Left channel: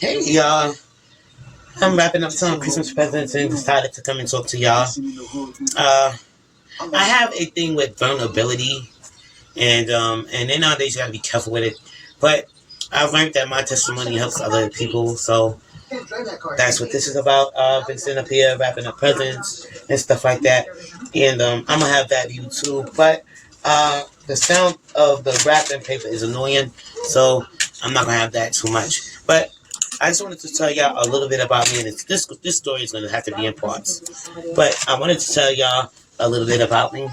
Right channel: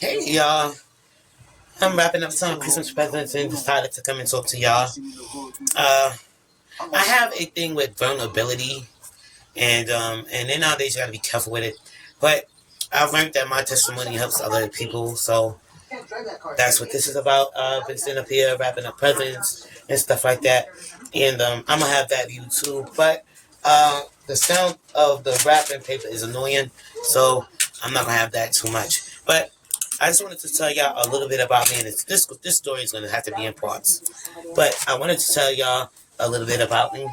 Hey y'all, I'm wrapping up some Christmas presents and decided to come and talk to y'all. Uh, I have a thing with vulnerability, and then nowadays you gotta be careful with it. But I've learned that my testimony helps other people, so that's what this is about. Been sitting up here wrapping up presents and stuff like that, and I'm gonna have that view too. But the sound of the wrapping paper is annoying, so I'm not gonna have that too much. But I just wanted to tell y'all a little bit about me, and this story is gonna have to be in parts. But I wanted to tell y'all a little bit about me,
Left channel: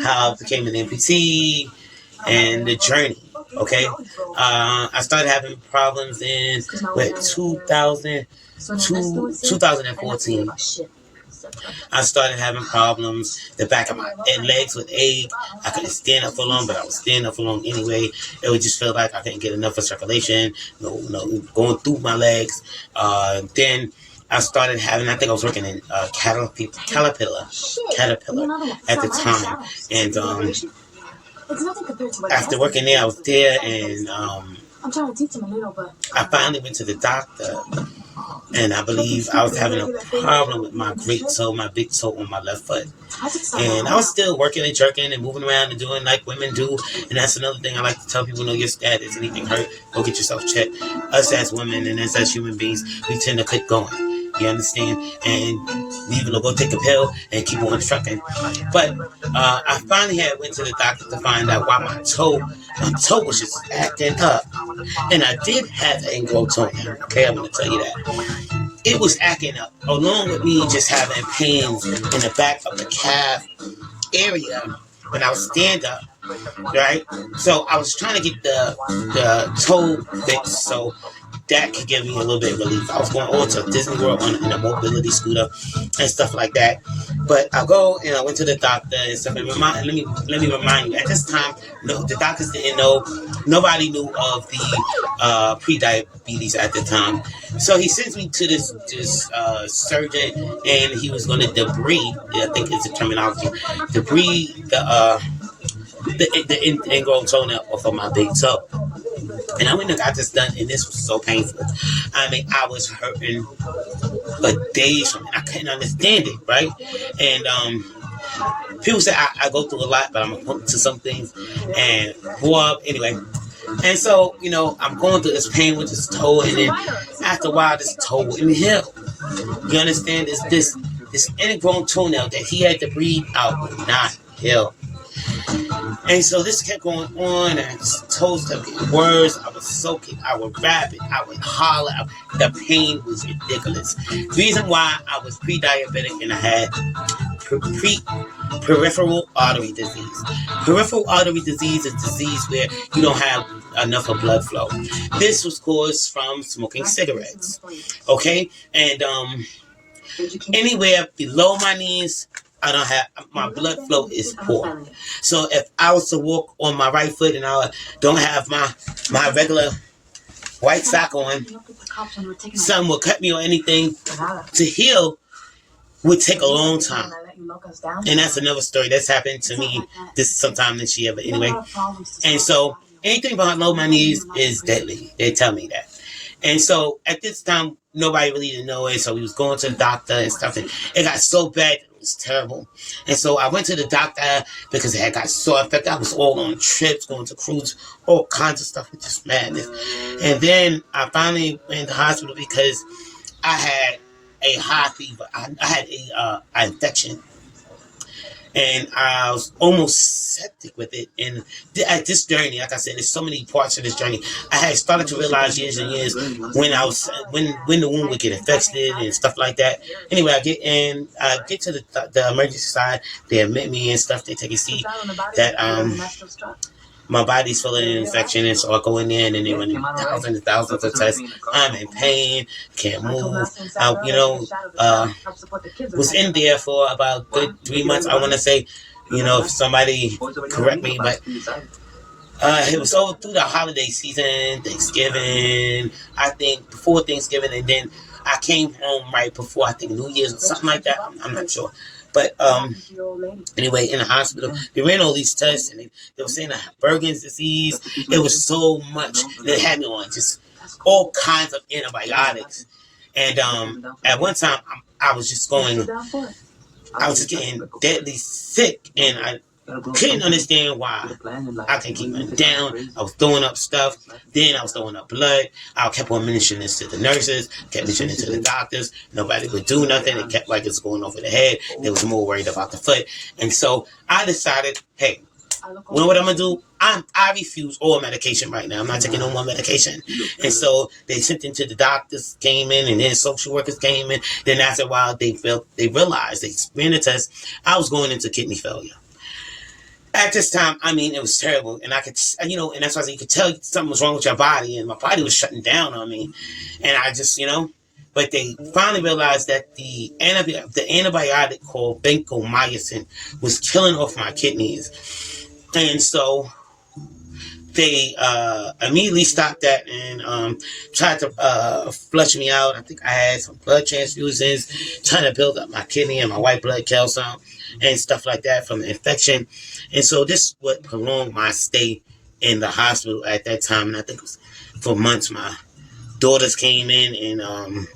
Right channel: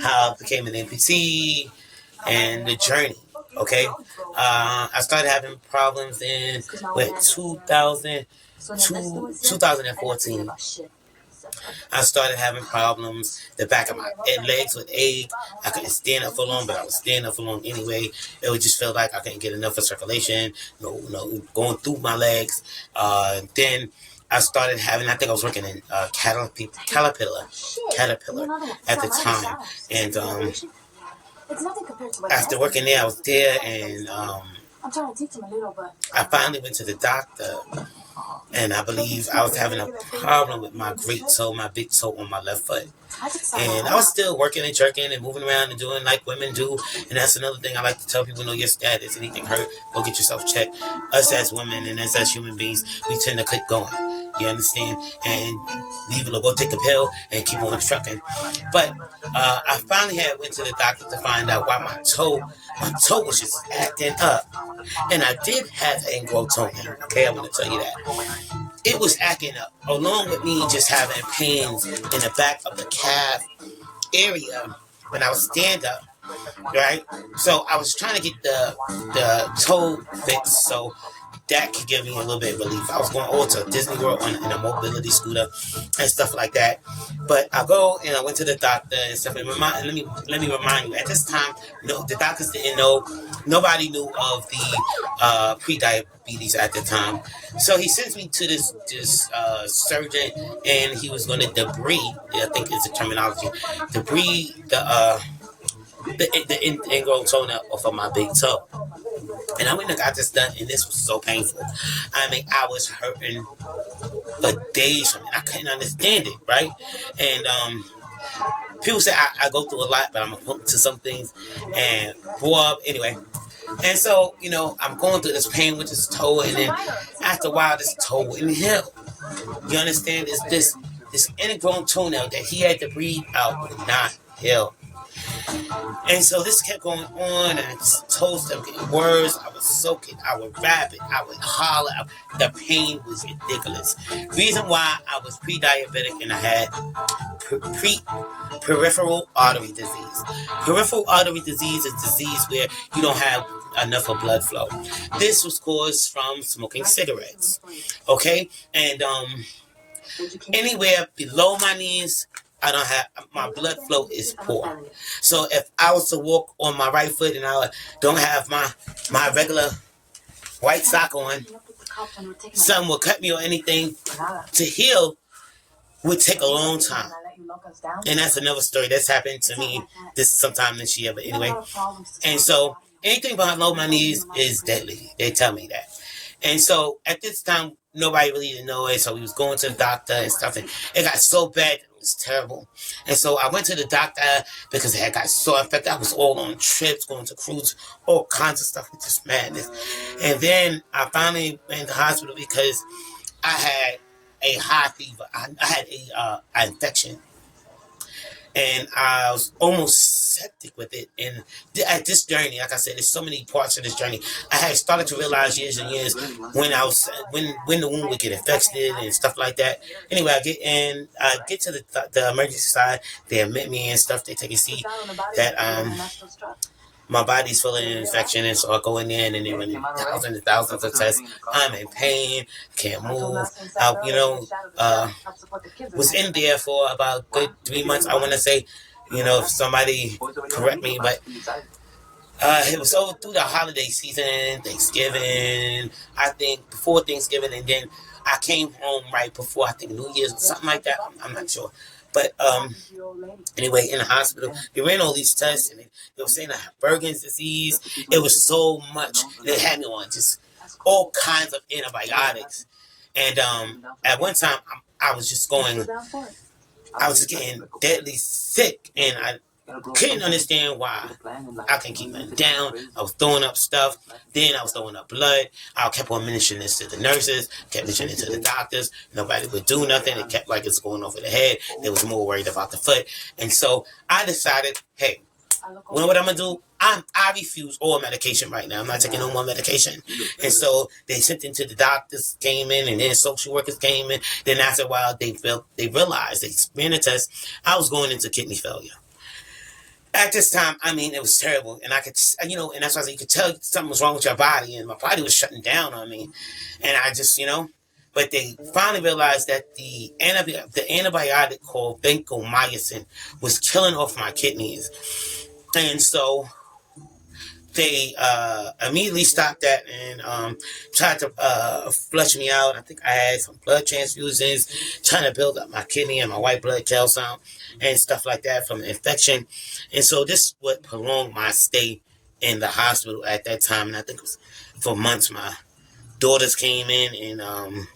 how I became an amputee, and the journey. Okay, I started having problems in 2014. I started having problems. The back of my legs would ache. I couldn't stand up for long, but I was standing up for long anyway. It would just feel like I couldn't get enough of circulation, going through my legs. Then I started having, I think I was working in Caterpillar at the time. And after working there, I was there, and I'm trying to teach him a little, but I finally went to the doctor, and I believe I was having a problem with my great toe, my big toe on my left foot. And I was still working and jerking and moving around and doing like women do. And that's another thing I like to tell people: know your status. Anything hurt, go get yourself checked. Us as women and as human beings, we tend to quit going. You understand? And leave it, go take a pill and keep on trucking. But I finally went to the doctor to find out why my toe was just acting up. And I did have ingrown toenail. Okay, I'm going to tell you that. It was acting up, along with me just having pains in the back of the calf area when I would stand up. Right? So I was trying to get the toe fixed so that could give me a little bit of relief. I was going over to Disney World in a mobility scooter and stuff like that. But I go and I went to the doctor and stuff. And let me remind you, at this time, the doctors didn't know. Nobody knew of the pre-diabetes at the time. So he sends me to this surgeon, and he was going to debride, I think is the terminology, debride the ingrown toenail off of my big toe. And I went and got this done, and this was so painful. I mean, I was hurting for days from it. I couldn't understand it, right? And people say I go through a lot, but I'm hooked to some things. And anyway. And so, I'm going through this pain with this toe, and then after a while, this toe wouldn't heal. You understand? It's this ingrown toenail that he had to breathe out would not heal. And so this kept going on, and his toes kept getting worse. I was soaking, I would rap it, I would holler. The pain was ridiculous. Reason why I was pre-diabetic and I had peripheral artery disease. Peripheral artery disease is a disease where you don't have enough of blood flow. This was caused from smoking cigarettes. Okay? And anywhere below my knees, I don't have, my blood flow is poor. So if I was to walk on my right foot and I don't have my regular white sock on, something will cut me or anything to heal would take a long time. And that's another story that's happened to me sometime this year, but anyway. And so anything below my knees is deadly. They tell me that. And so at this time, nobody really didn't know it. So we was going to the doctor and stuff, and it got so bad. It was terrible. And so I went to the doctor because it had got so infected. I was all on trips, going to cruises, all kinds of stuff with this madness. And then I finally went to the hospital because I had a high fever. I had an infection. And I was almost septic with it. And at this journey, like I said, there's so many parts of this journey. I had started to realize years and years when the wound would get infected and stuff like that. Anyway, I get to the emergency side. They admit me and stuff. They take a seat that my body's full of infection, and so I go in there and then they run thousands and thousands of tests. I'm in pain, can't move. I, was in there for about a good 3 months. I want to say, if somebody correct me, but it was over through the holiday season, Thanksgiving, I think before Thanksgiving, and then I came home right before, I think, New Year's or something like that. I'm not sure. But anyway, in the hospital, they ran all these tests, and they were saying I had Bergen's disease. It was so much. They had me on just all kinds of antibiotics. And at one time, I was just getting deadly sick, and I couldn't understand why. I couldn't keep it down. I was throwing up stuff. Then I was throwing up blood. I kept on mentioning this to the nurses, kept mentioning it to the doctors. Nobody would do nothing. It kept like it's going over the head. They was more worried about the foot. And so I decided, hey, you know what I'm going to do? I refuse all medication right now. I'm not taking no more medication. And so they sent into the doctors, came in, and then social workers came in. Then after a while, they realized, they ran a test, I was going into kidney failure. At this time, I mean, it was terrible. And I could, and that's why you could tell something was wrong with your body. And my body was shutting down on me. And I just, but they finally realized that the antibiotic called vancomycin was killing off my kidneys. And so they immediately stopped that and tried to flush me out. I think I had some blood transfusions, trying to build up my kidney and my white blood calcium and stuff like that from the infection. And so this would prolong my stay in the hospital at that time. And I think it was for months. My daughters came in and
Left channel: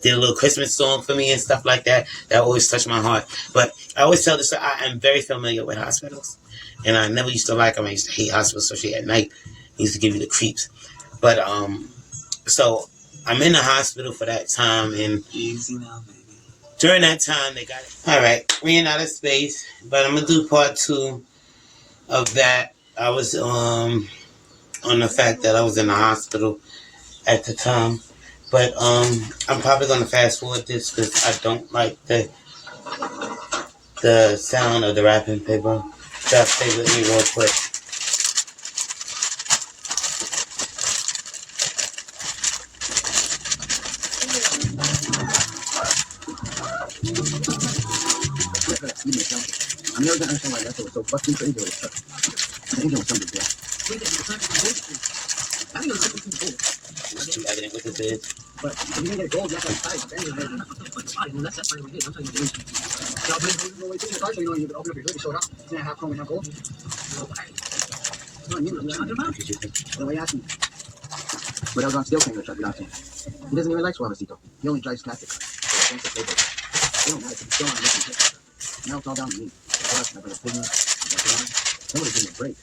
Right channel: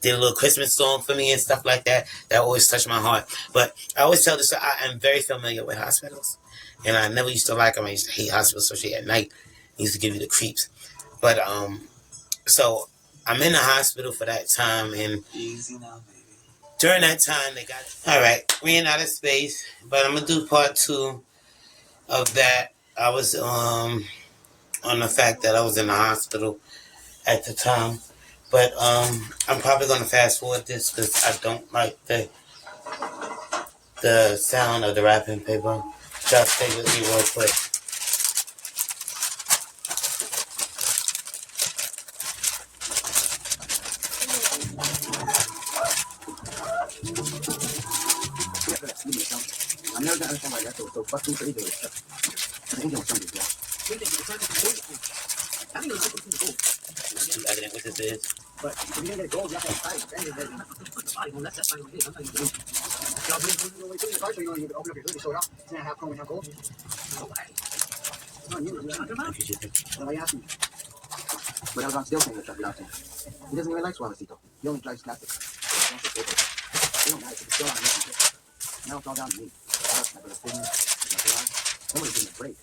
did a little Christmas song for me and stuff like that. That always touched my heart. But I always tell this, I am very familiar with hospitals. And I never used to like them. I used to hate hospitals, especially at night. They used to give you the creeps. But, so I'm in the hospital for that time. And easy now, baby. During that time, they got, all right, ran out of space. But I'm going to do part 2 of that. I was on the fact that I was in the hospital at the time. But I'm probably going to fast forward this because I don't like the sound of the wrapping paper. Just stay with me real quick. I'm never gonna understand why that's so fucking crazy with this stuff. I think it's something, yeah. It's too evident what this is. But if you get gold, that's outside. Well, that's fine with this. I'm telling you, dude. So when you go away to your car, so you know you can open up your hood and show it off. It's not half chrome and half gold. No, you know, why you asking me? But I was on steel thing that you're asking. He doesn't even like Suavecito. He only drives classic. So I don't say they don't like it. It's still on making shit. Now it's all down to me. I'm gonna pull me. Somebody's giving me a break.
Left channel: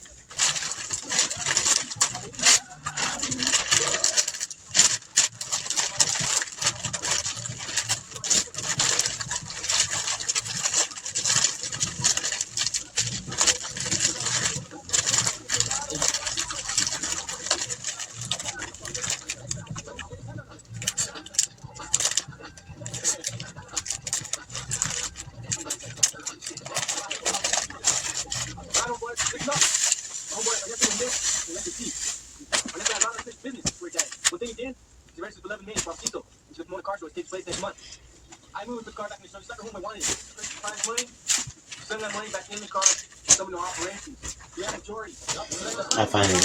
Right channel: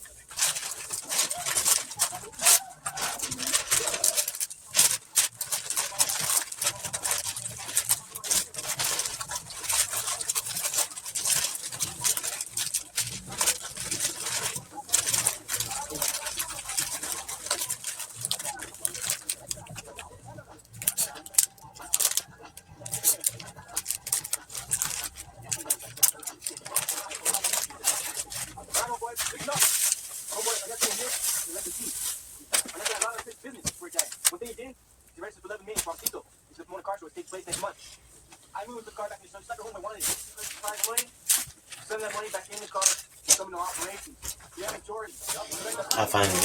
I finally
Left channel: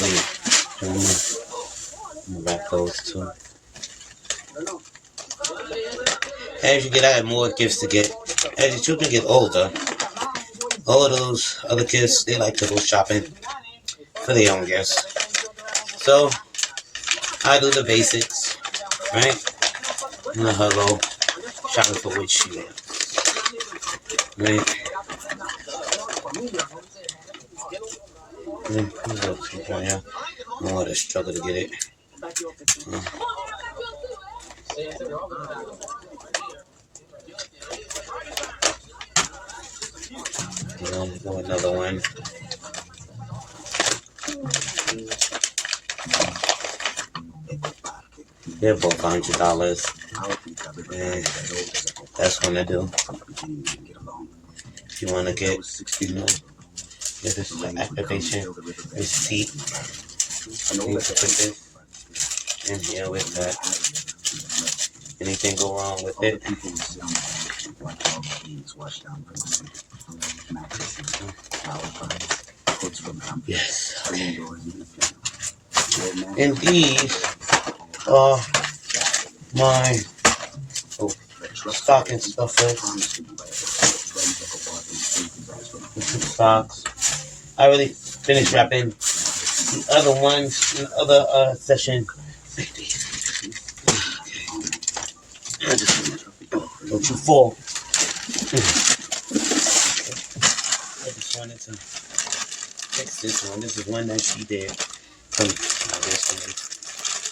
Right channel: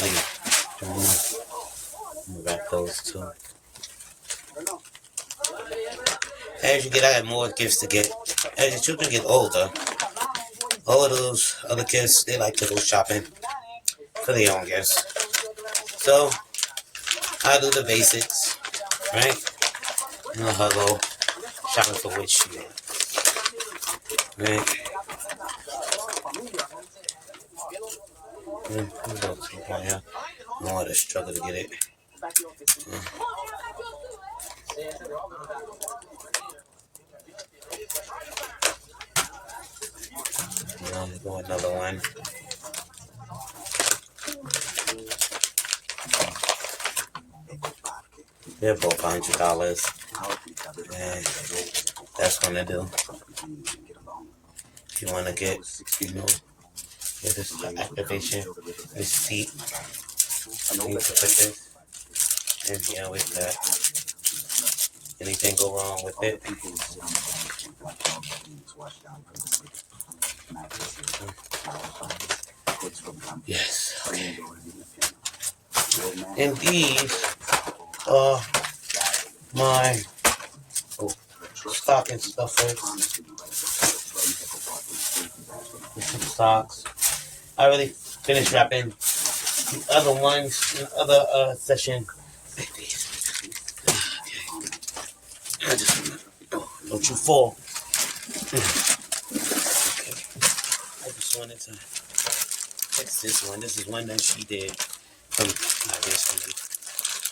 wrap those two. As you get out, more gifts to get. As your children get older, all of those other kids, they like to go shopping for their own gifts. So I do the basics, right? And I'll go shopping for what she wants, right? Yeah, I want to struggle to get it. Another one. They're both $100. And that's gonna do. If you wanna get, this is an activation receipt. You can put this in here with that. Anything go wrong with it? Yes. Okay. And these are my stocking stuffers. The 2 socks. I already finished wrapping the other ones in the other session. you for. I just wanted to fix this one. This is one that she did from this one.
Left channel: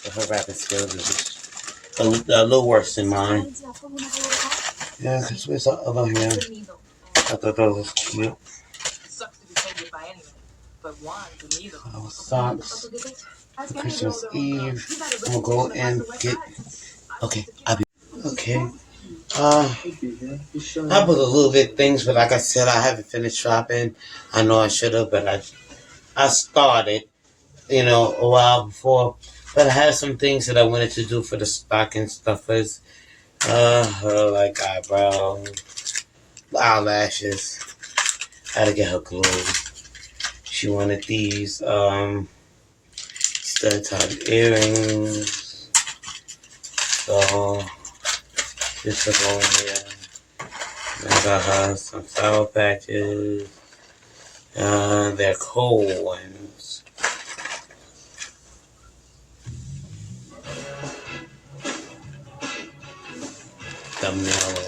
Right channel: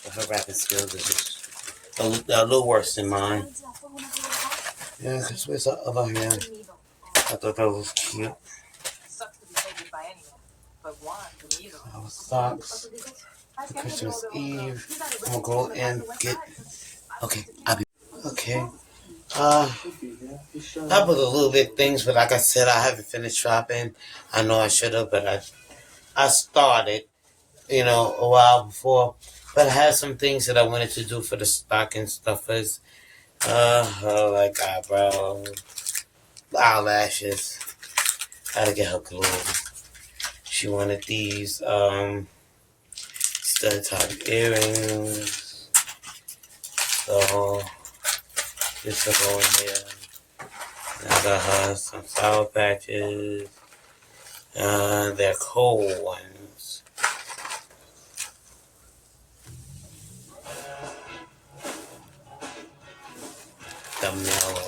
But her rapping skills is just a little worse than mine. Yeah, because where's that other hand? I thought that was cute. Our socks for Christmas Eve. I'm gonna go and get. Okay, I'll be. Okay. I put a little bit things, but like I said, I haven't finished shopping. I know I should have, but I started, a while before. But I had some things that I wanted to do for the stocking stuffers. Like eyebrows, eyelashes. I had to get her glue. She wanted these stud top earrings. So this is going here. I got her some Sour Patches. They're cold ones.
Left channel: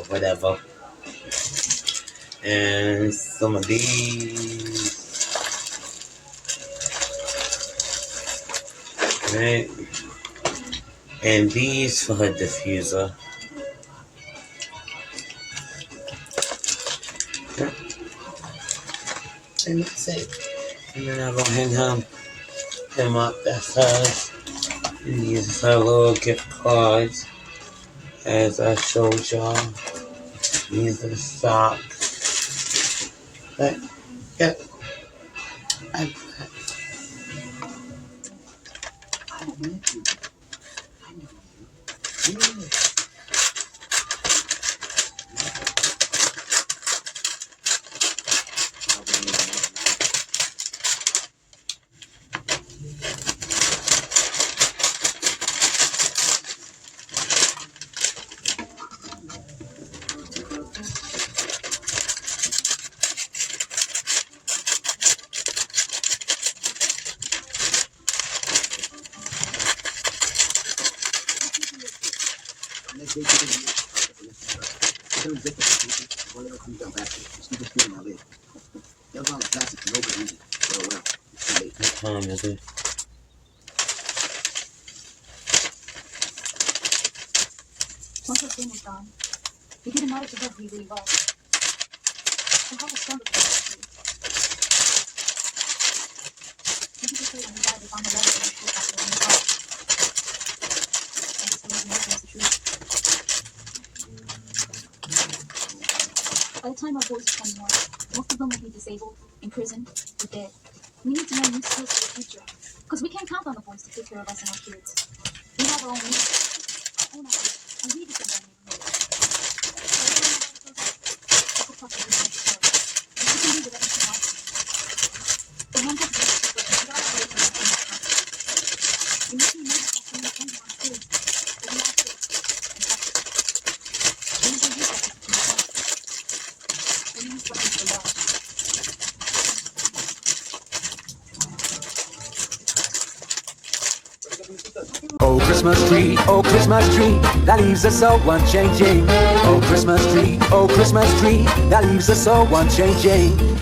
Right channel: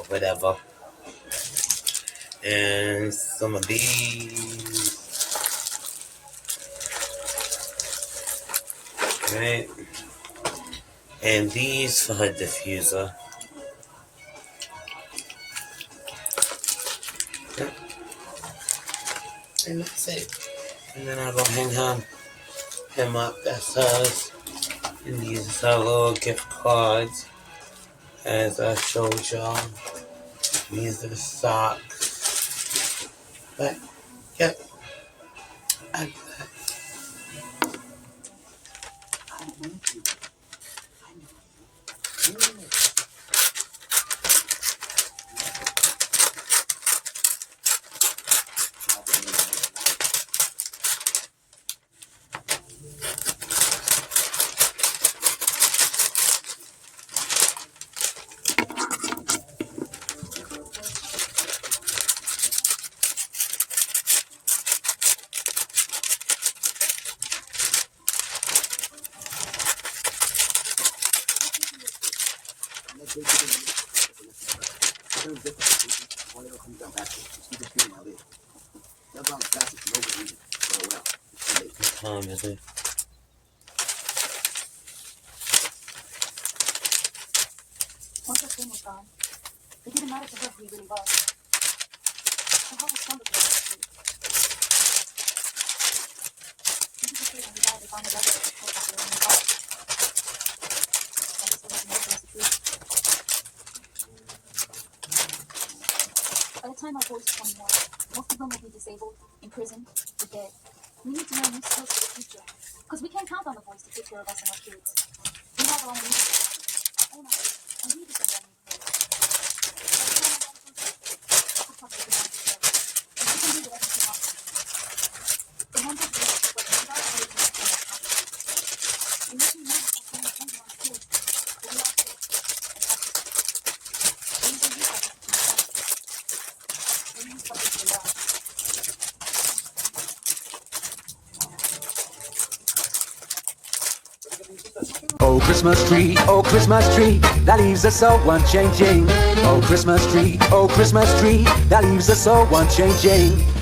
Whatever. And some of these. Right. And these for her diffuser. And that's it. And then I'll go him up. That's hers. And these are her little gift cards. As I showed y'all. These are the socks. But, yep. Once the thing is done, you didn't manage to work me really well. So how was fun with you? Maybe just say when you guys found the better and check out the new car. And it's gonna be more than the truth. By the time our boys are 21, most of them will be disabled, in prison, or dead. We need to know new skills for the future. Because we can't count on the boys to take care of us and our kids. We have our own needs. Own our kids. And we depend on you. Oh Christmas tree, that leaves us so unchanging. Oh Christmas tree, that leaves us so unchanging.